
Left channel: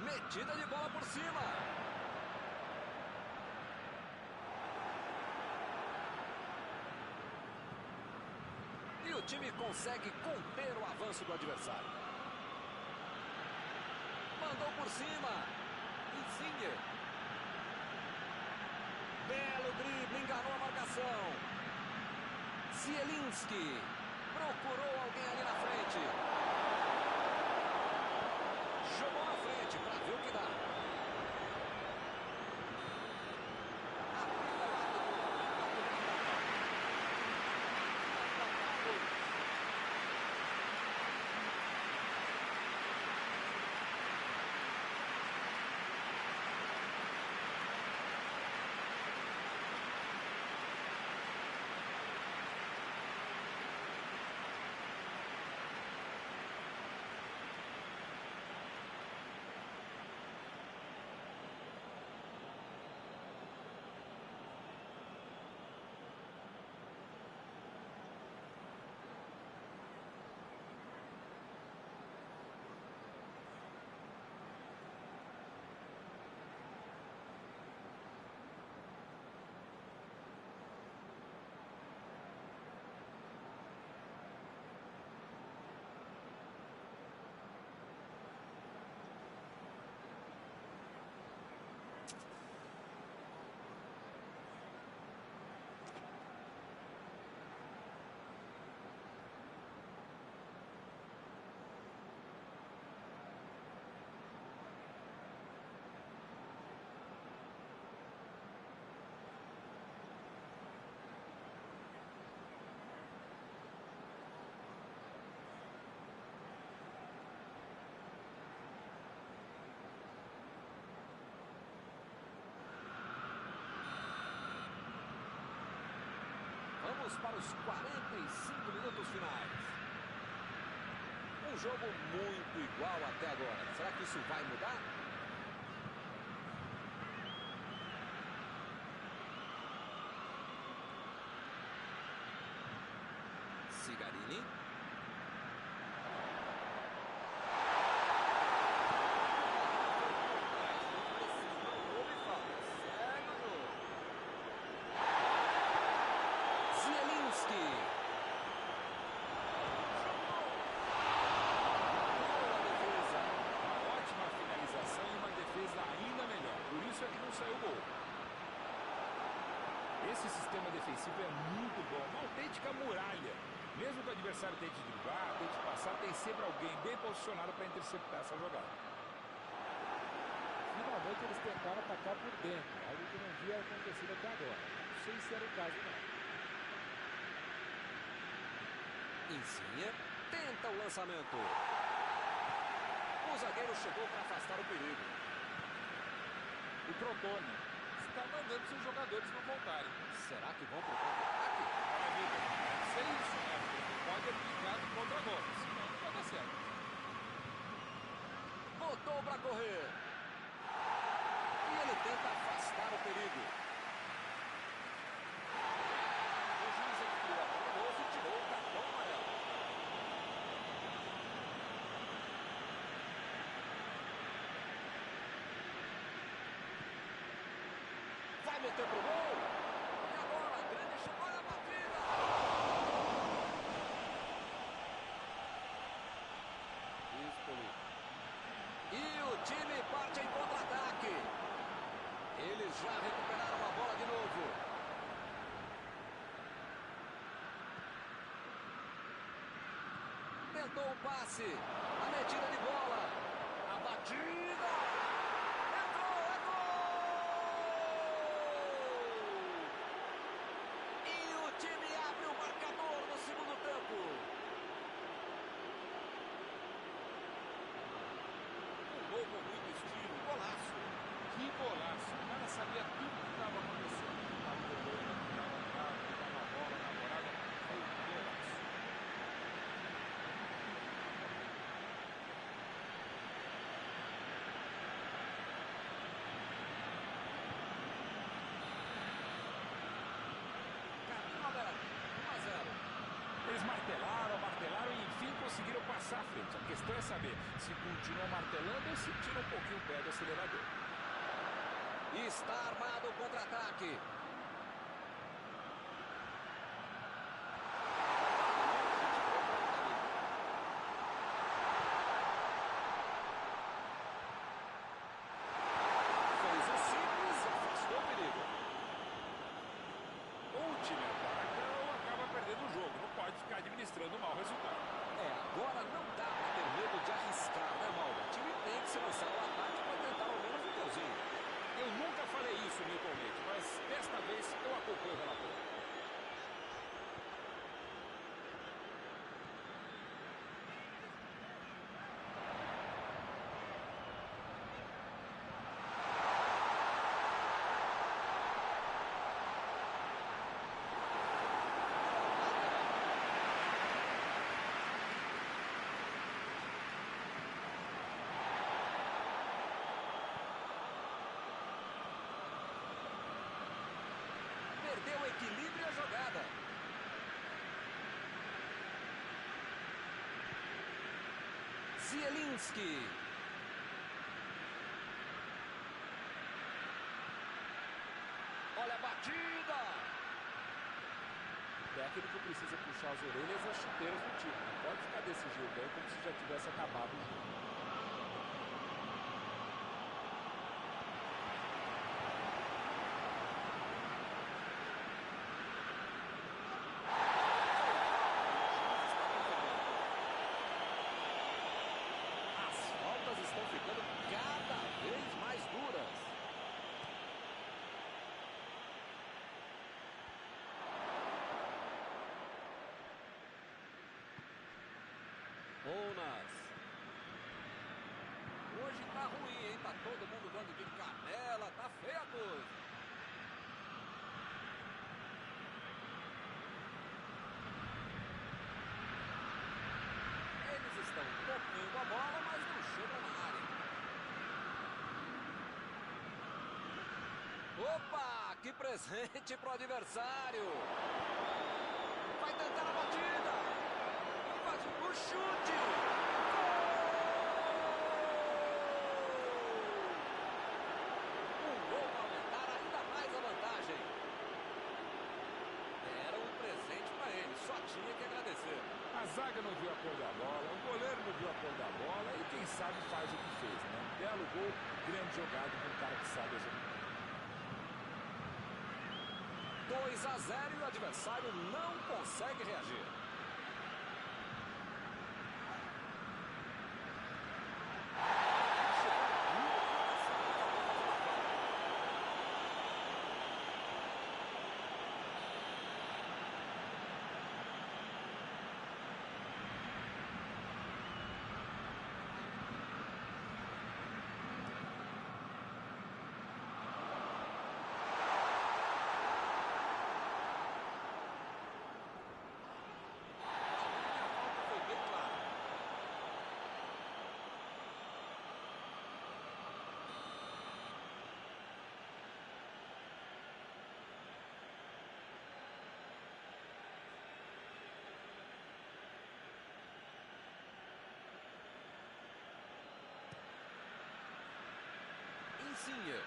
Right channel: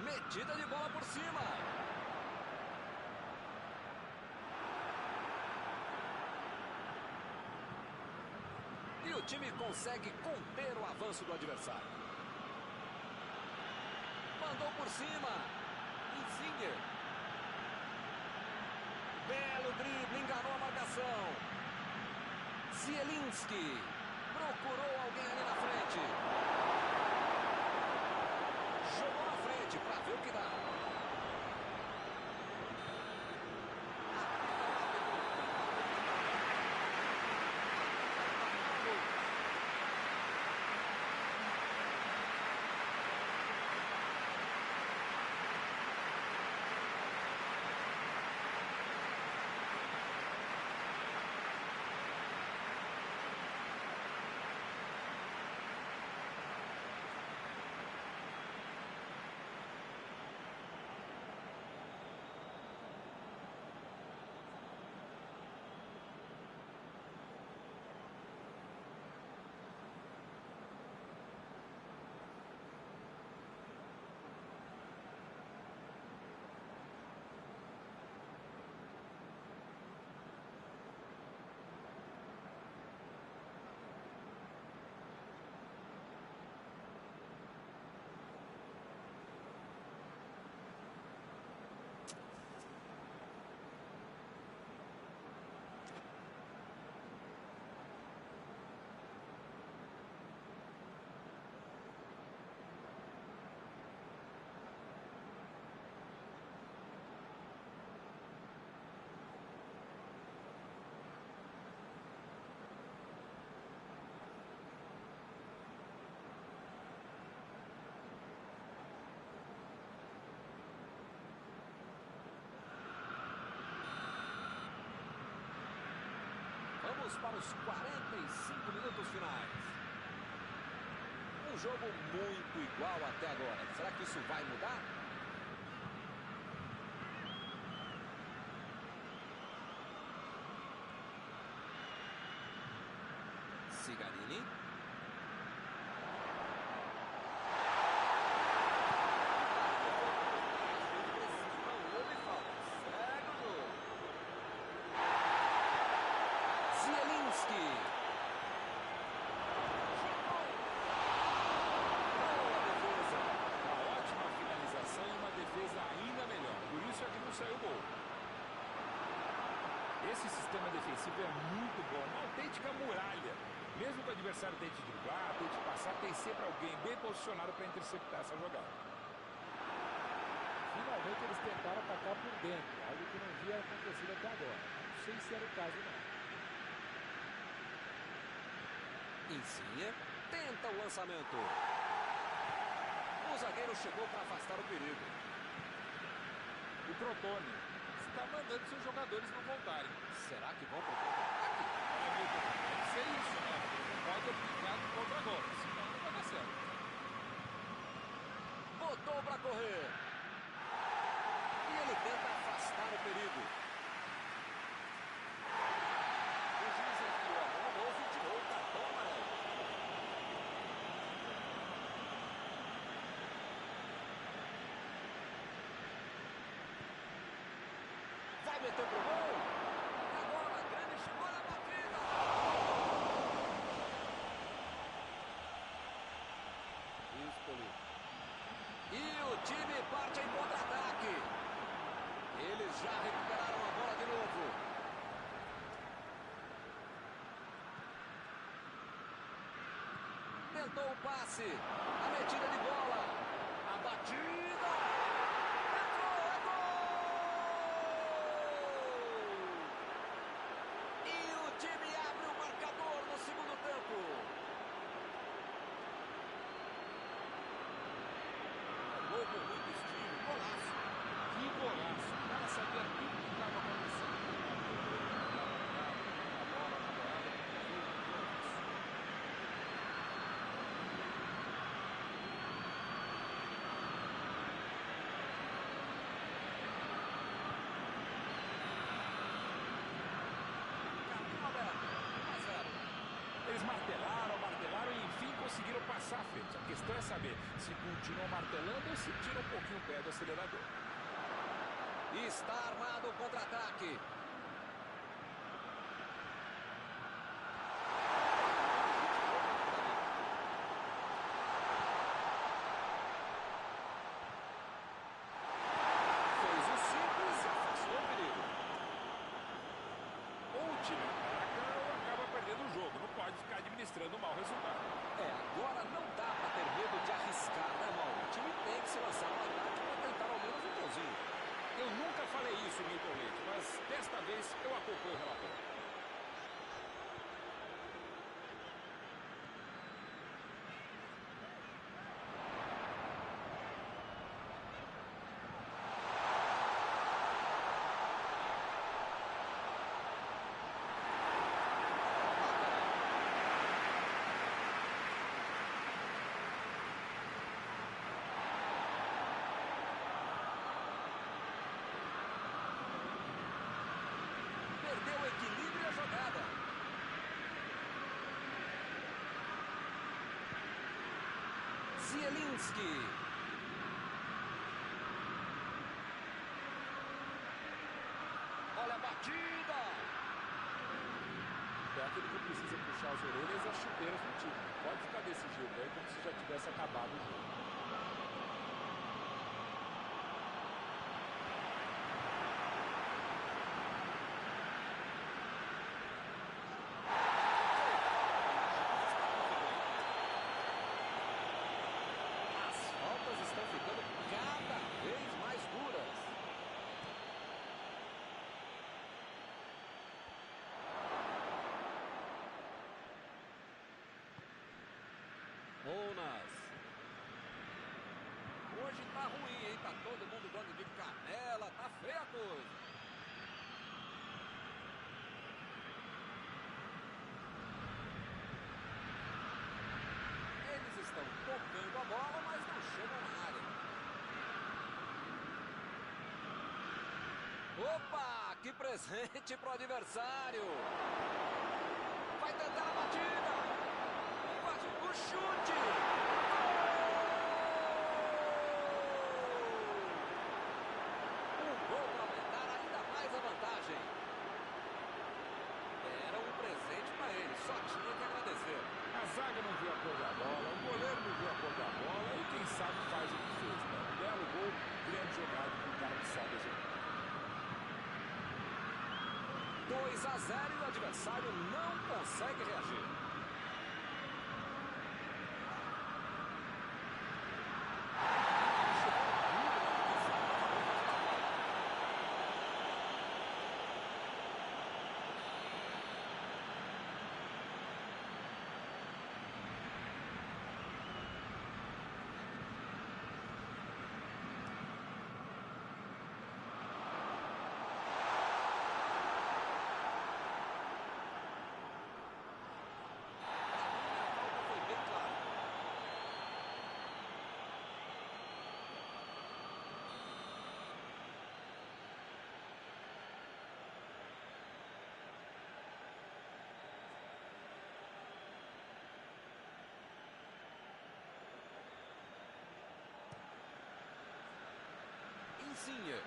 Metida de bola por cima. E o time consegue conter o avanço do adversário. Mandou por cima. Insigne. Belo drible, enganou a marcação. Zielinski. Procurou alguém ali na frente. Jogou na frente para ver o que dá. Apita o árbitro. Limpa a primeira etapa. Apita Paulo. Vamos para os 45 minutos finais. Um jogo muito igual até agora. Será que isso vai mudar? Cigarini. Ainda melhor, por isso é que não saiu gol. Esse sistema defensivo é muito bom, uma autêntica muralha. Mesmo que o adversário tente driblar, tente passar, tem sempre alguém bem posicionado para interceptar essa jogada. Finalmente eles tentaram atacar por dentro, algo que não havia acontecido até agora. Não sei se era o caso, não. Insigne tenta o lançamento. O zagueiro chegou para afastar o perigo. O Crotone está mandando seus jogadores não voltarem. Será que vão para o contra-ataque? Olha, Milton, deve ser isso, né? Porque não pode aplicar do contra-golpe, senão não vai dar certo. Botou para correr. E ele tenta afastar o perigo. O juiz enfiou a mão no bolso e tirou o cartão amarelo. Vai meter pro gol. E agora, a grande chegou na batida. Espoli. E o time parte em contra-ataque. Eles já recuperaram a bola de novo. Tentou o passe. A metida de bola. A batida. Entrou, é gol! E o time abre o marcador no segundo tempo. Um gol com muito estilo, golaço. Que golaço! O cara sabia tudo que estava acontecendo. Estava goleiro, estava trave, estava a bola na morada. Foi um golaço. Caminho aberto, 1-0. Eles martelaram e enfim conseguiram passar à frente. A questão é saber se continuam martelando ou se tiram um pouquinho o pé do acelerador. Está armado o contra-ataque. no jogo, não pode ficar administrando um mau resultado. Agora não dá para ter medo de arriscar, né, Mauro? O time tem que se lançar ao ataque para tentar ao menos um golzinho. Eu nunca falei isso, Milton Leite, mas desta vez eu acompanho o relator. Perdeu o equilíbrio e a jogada. Zielinski. Olha a batida. O técnico precisa puxar as orelhas e as chuteiras do time. Não pode ficar desse jeito aí como se já tivesse acabado o jogo. Estão ficando cada vez mais duras. Bonas. Hoje tá ruim, hein? Tá todo mundo dando de canela, tá feia a coisa. Eles estão tocando a bola, mas não chegam na área. Opa, que presente pro adversário. Vai tentar a batida. Invadiu o chute. Gol! Um gol para aumentar ainda mais a vantagem. Era um presente para ele, só tinha que agradecer. A zaga não viu a cor da bola, o goleiro não viu a cor da bola e quem sabe faz o que fez, né? Belo gol, grande jogada com um cara que sabe executar. 2-0 e o adversário não consegue reagir. Insigne.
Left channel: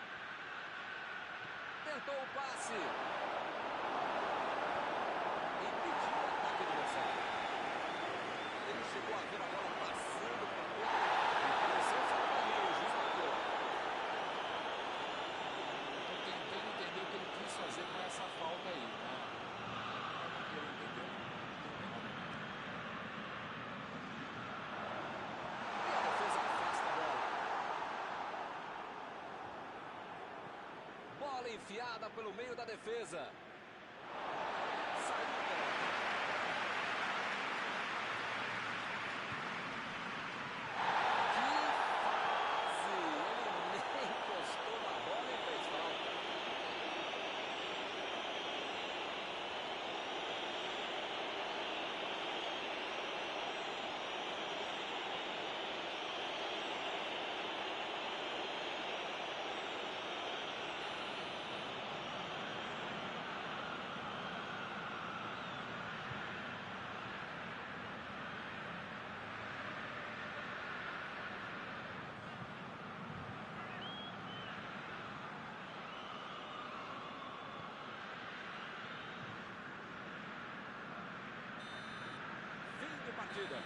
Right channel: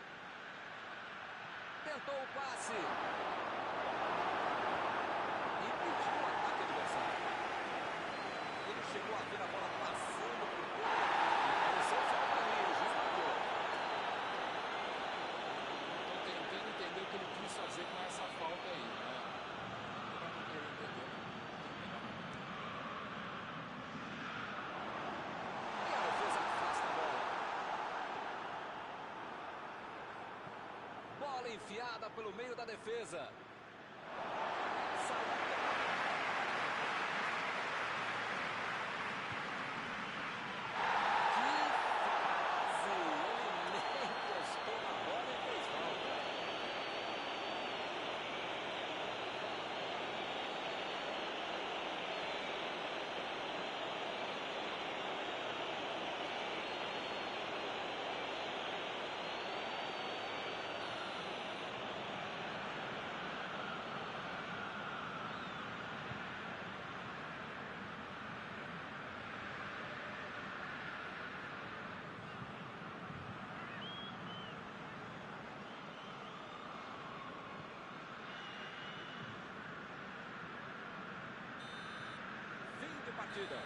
Tentou o passe. Impediu o ataque adversário. Ele chegou a ver a bola passando por todo e pareceu falta ali. O juiz marcou. Estou tentando entender o que ele quis fazer com essa falta aí, né? Eu não quero entender, não. E a defesa afasta a bola. Bola enfiada pelo meio da defesa. Saiu pela lateral. Que fase! Ele nem encostou na bola e fez falta. De partida.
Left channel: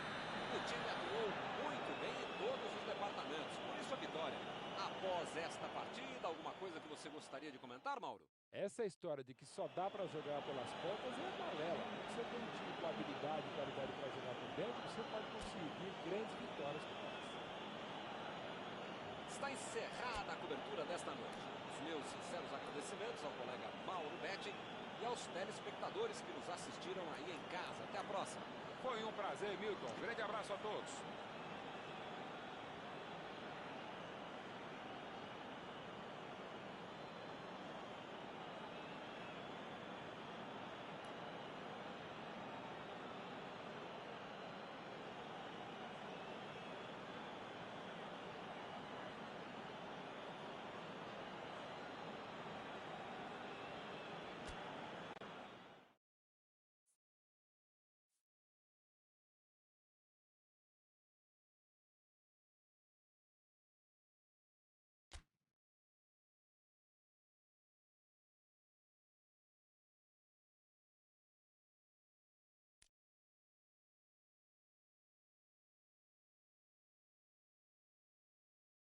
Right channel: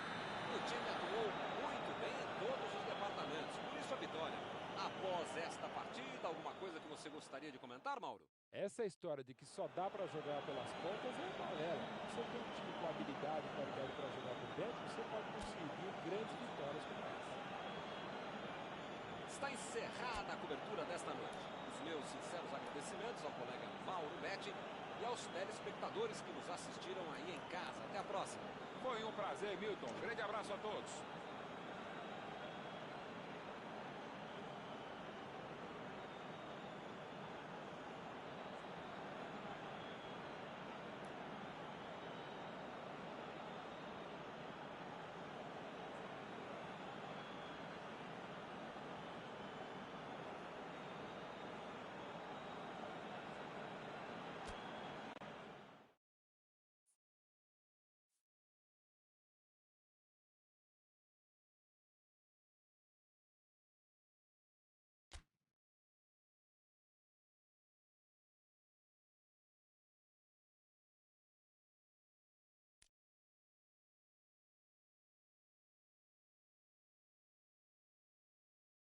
O time atuou muito bem em todos os departamentos, por isso a vitória. Após esta partida, alguma coisa que você gostaria de comentar, Mauro? Essa história de que só dá para jogar pelas pontas é balela. Se você tem um time com habilidade e qualidade para jogar por dentro, você pode conseguir grandes vitórias como essa. Está encerrada a cobertura desta noite. Os meus sinceros agradecimentos ao colega Mauro Betti e aos telespectadores que nos assistiram aí em casa. Até a próxima. Foi um prazer, Milton. Um grande abraço a todos.